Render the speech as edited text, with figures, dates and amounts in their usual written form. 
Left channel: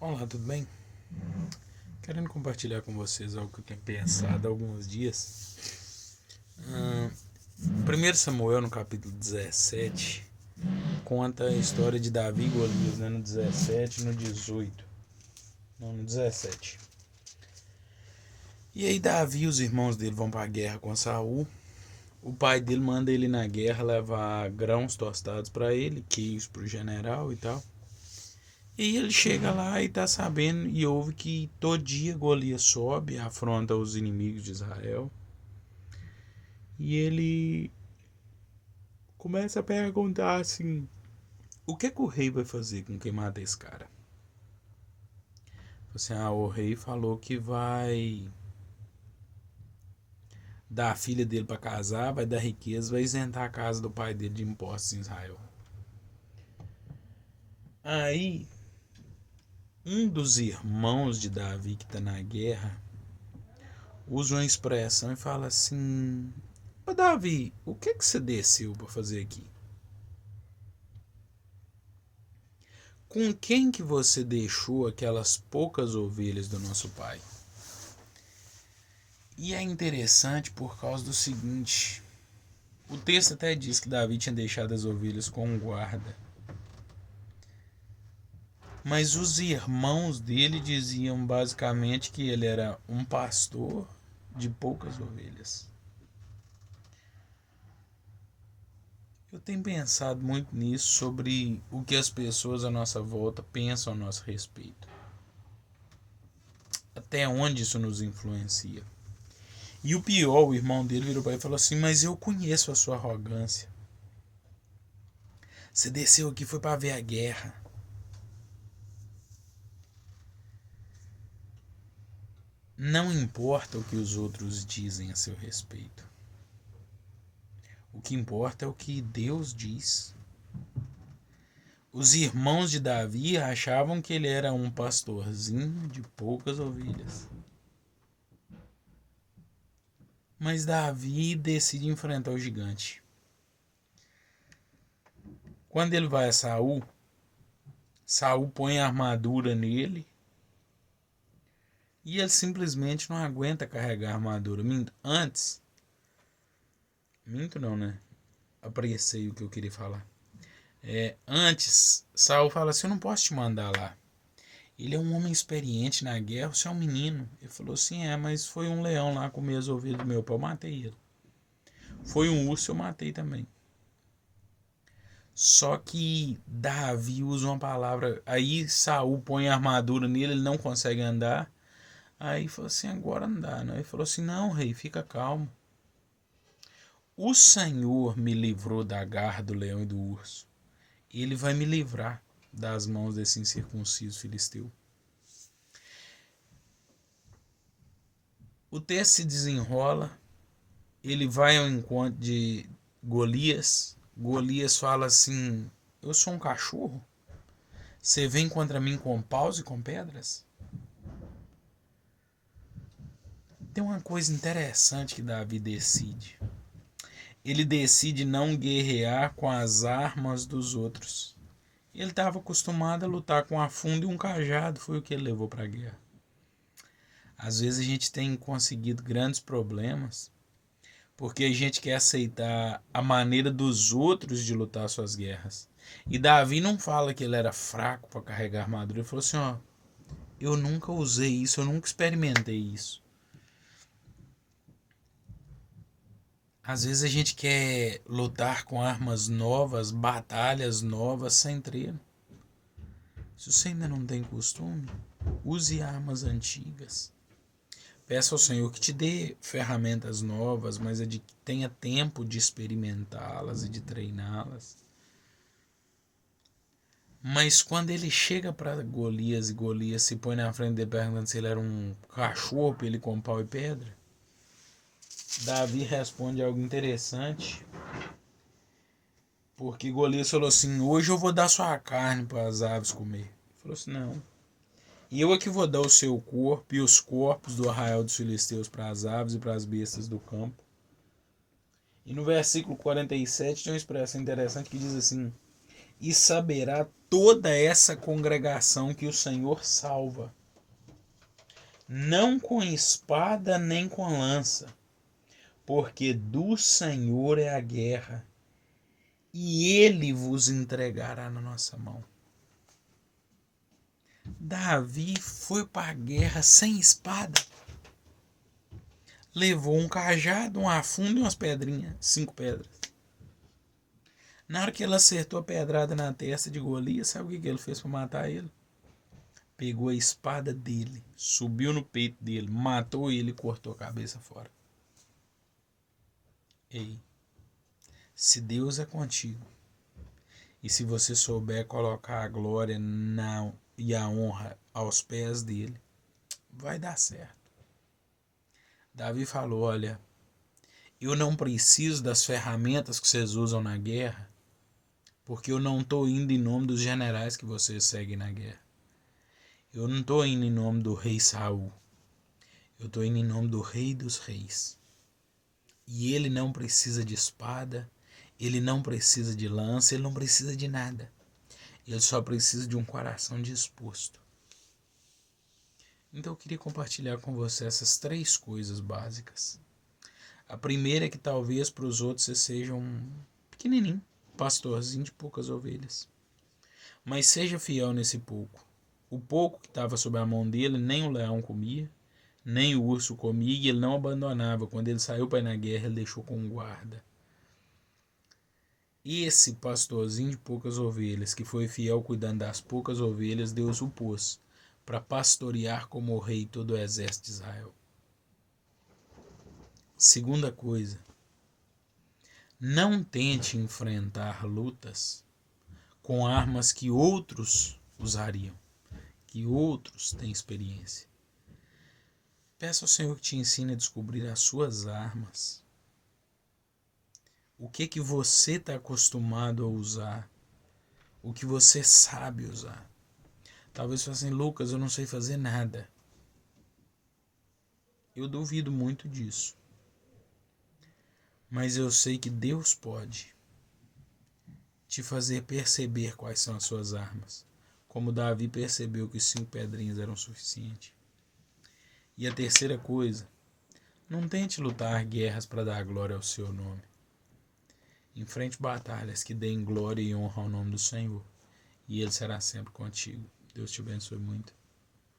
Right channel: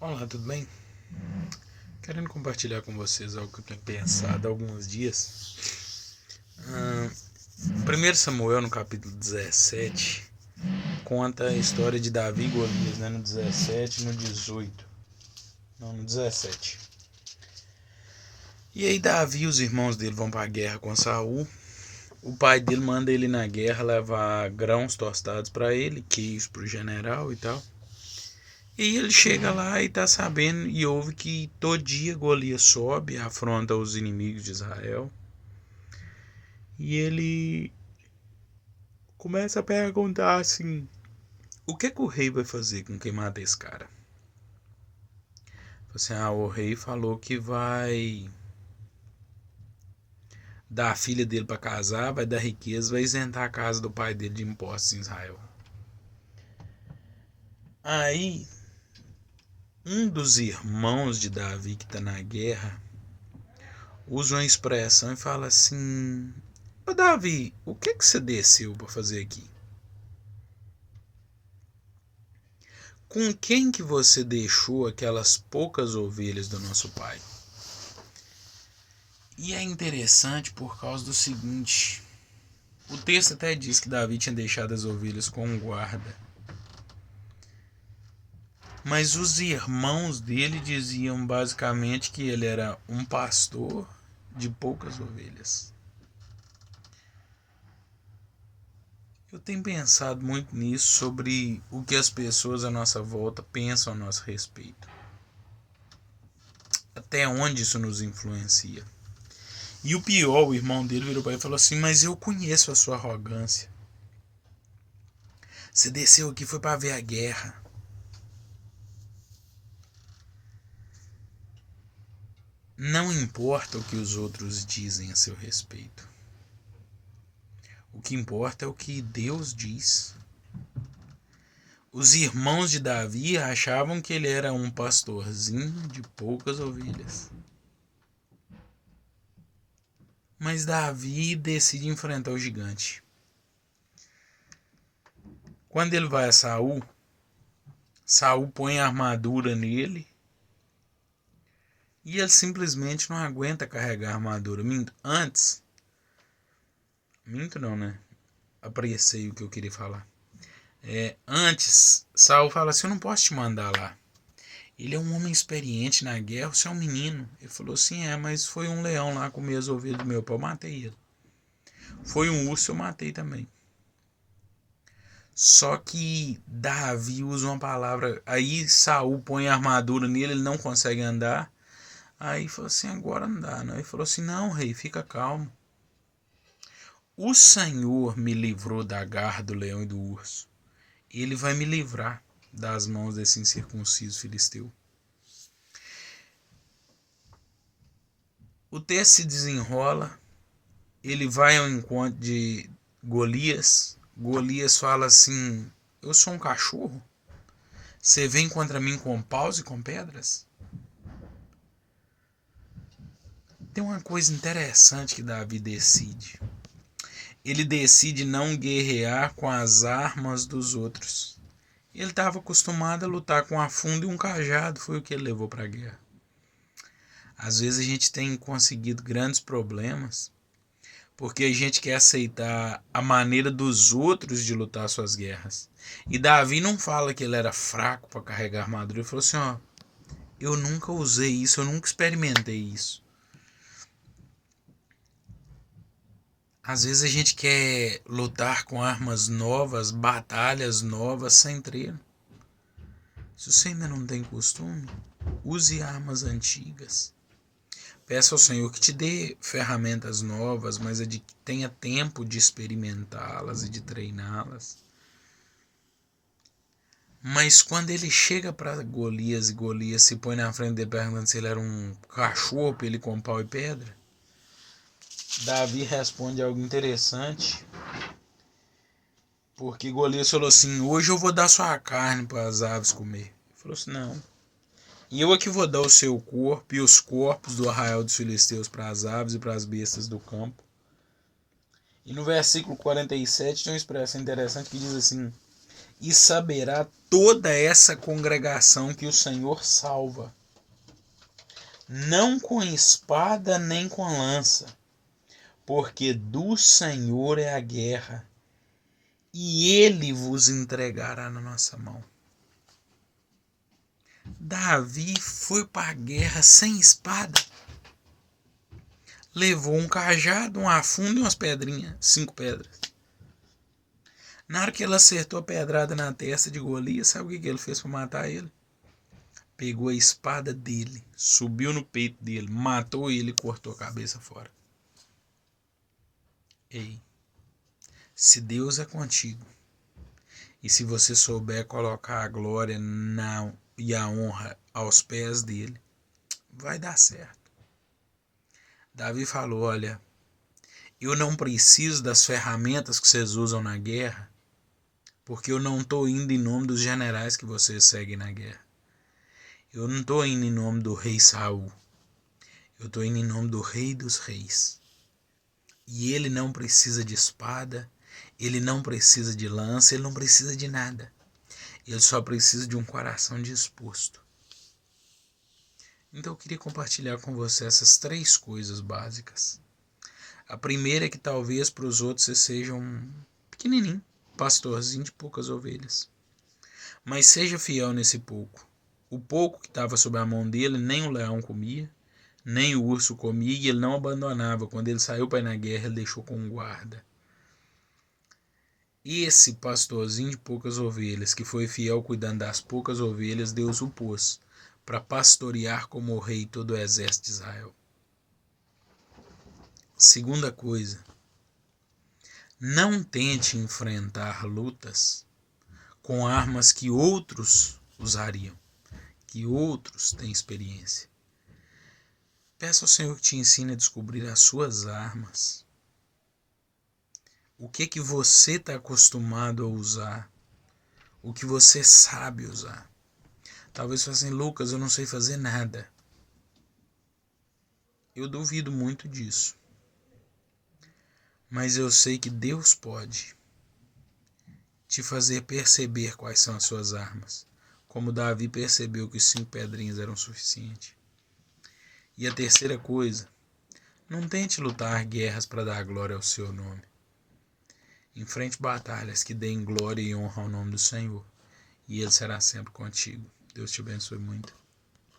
Olá, tudo bem? Querendo compartilhar com vocês algo que eu tenho pensado há alguns dias. 1 Samuel, no capítulo 17, conta a história de Davi e Golias, né? No 17 e no 18. Não, no 17. E aí Davi e os irmãos dele vão para a guerra com Saul. O pai dele manda ele na guerra levar grãos tostados para ele, queijo para o general e tal. E aí ele chega lá e tá sabendo e ouve que todo dia Golias sobe, afronta os inimigos de Israel. E ele começa a perguntar assim: o que o rei vai fazer com quem mata esse cara? Assim, o rei falou que vai dar a filha dele para casar, vai dar riqueza, vai isentar a casa do pai dele de impostos em Israel. Aí, um dos irmãos de Davi que está na guerra usa uma expressão e fala assim: ô Davi, o que você desceu para fazer aqui? Com quem que você deixou aquelas poucas ovelhas do nosso pai? E é interessante por causa do seguinte: o texto até diz que Davi tinha deixado as ovelhas com um guarda, mas os irmãos dele diziam basicamente que ele era um pastor de poucas ovelhas. Eu tenho pensado muito nisso, sobre o que as pessoas à nossa volta pensam a nosso respeito. Até onde isso nos influencia. E o pior, o irmão dele virou para ele e falou assim: mas eu conheço a sua arrogância. Você desceu aqui foi para ver a guerra. Não importa o que os outros dizem a seu respeito. O que importa é o que Deus diz. Os irmãos de Davi achavam que ele era um pastorzinho de poucas ovelhas. Mas Davi decide enfrentar o gigante. Quando ele vai a Saul, Saul põe a armadura nele e ele simplesmente não aguenta carregar a armadura. Minto não, né? Apressei o que eu queria falar. Antes, Saul fala assim: eu não posso te mandar lá. Ele é um homem experiente na guerra, você é um menino. Ele falou assim: mas foi um leão lá comer as ovelhas do meu pai, eu matei ele. Foi um urso, eu matei também. Só que Davi usa uma palavra, aí Saul põe a armadura nele, ele não consegue andar. Aí falou assim: agora não dá, não. Ele falou assim: não, rei, fica calmo. O Senhor me livrou da garra do leão e do urso. Ele vai me livrar das mãos desse incircunciso filisteu. O texto se desenrola, ele vai ao encontro de Golias. Golias fala assim: eu sou um cachorro? Você vem contra mim com paus e com pedras? Tem uma coisa interessante que Davi decide. Ele decide não guerrear com as armas dos outros. Ele estava acostumado a lutar com a funda e um cajado, foi o que ele levou para a guerra. Às vezes a gente tem conseguido grandes problemas porque a gente quer aceitar a maneira dos outros de lutar suas guerras. E Davi não fala que ele era fraco para carregar armadura. Ele falou assim: eu nunca usei isso, eu nunca experimentei isso. Às vezes a gente quer lutar com armas novas, batalhas novas, sem treino. Se você ainda não tem costume, use armas antigas. Peça ao Senhor que te dê ferramentas novas, mas que tenha tempo de experimentá-las e de treiná-las. Mas quando ele chega para Golias e Golias se põe na frente dele perguntando se ele era um cachorro para ele com pau e pedra, Davi responde algo interessante. Porque Golias falou assim: hoje eu vou dar sua carne para as aves comer. Ele falou assim: não. E eu aqui vou dar o seu corpo e os corpos do arraial dos filisteus para as aves e para as bestas do campo. E no versículo 47 tem uma expressão interessante que diz assim: e saberá toda essa congregação que o Senhor salva, não com espada nem com lança, porque do Senhor é a guerra, e ele vos entregará na nossa mão. Davi foi para a guerra sem espada. Levou um cajado, um afundo e umas pedrinhas, 5 pedras. Na hora que ele acertou a pedrada na testa de Golias, sabe o que ele fez para matar ele? Pegou a espada dele, subiu no peito dele, matou ele e cortou a cabeça fora. Ei, se Deus é contigo, e se você souber colocar a glória e a honra aos pés dele, vai dar certo. Davi falou, olha, eu não preciso das ferramentas que vocês usam na guerra, porque eu não estou indo em nome dos generais que vocês seguem na guerra. Eu não estou indo em nome do rei Saul. Eu estou indo em nome do rei dos reis. E ele não precisa de espada, ele não precisa de lança, ele não precisa de nada. Ele só precisa de um coração disposto. Então eu queria compartilhar com você essas 3 coisas básicas. A primeira é que talvez para os outros você seja um pequenininho, pastorzinho de poucas ovelhas. Mas seja fiel nesse pouco. O pouco que estava sob a mão dele, nem o leão comia, nem o urso comia, e ele não abandonava. Quando ele saiu para ir na guerra, ele deixou com um guarda. Esse pastorzinho de poucas ovelhas, que foi fiel cuidando das poucas ovelhas, Deus o pôs para pastorear como o rei todo o exército de Israel. Segunda coisa, não tente enfrentar lutas com armas que outros usariam, que outros têm experiência. Peça ao Senhor que te ensine a descobrir as suas armas. O que você está acostumado a usar, o que você sabe usar. Talvez você fale assim, Lucas, eu não sei fazer nada. Eu duvido muito disso. Mas eu sei que Deus pode te fazer perceber quais são as suas armas. Como Davi percebeu que 5 pedrinhas eram suficientes. E a terceira coisa, não tente lutar guerras para dar glória ao seu nome. Enfrente batalhas que deem glória e honra ao nome do Senhor. E Ele será sempre contigo. Deus te abençoe muito.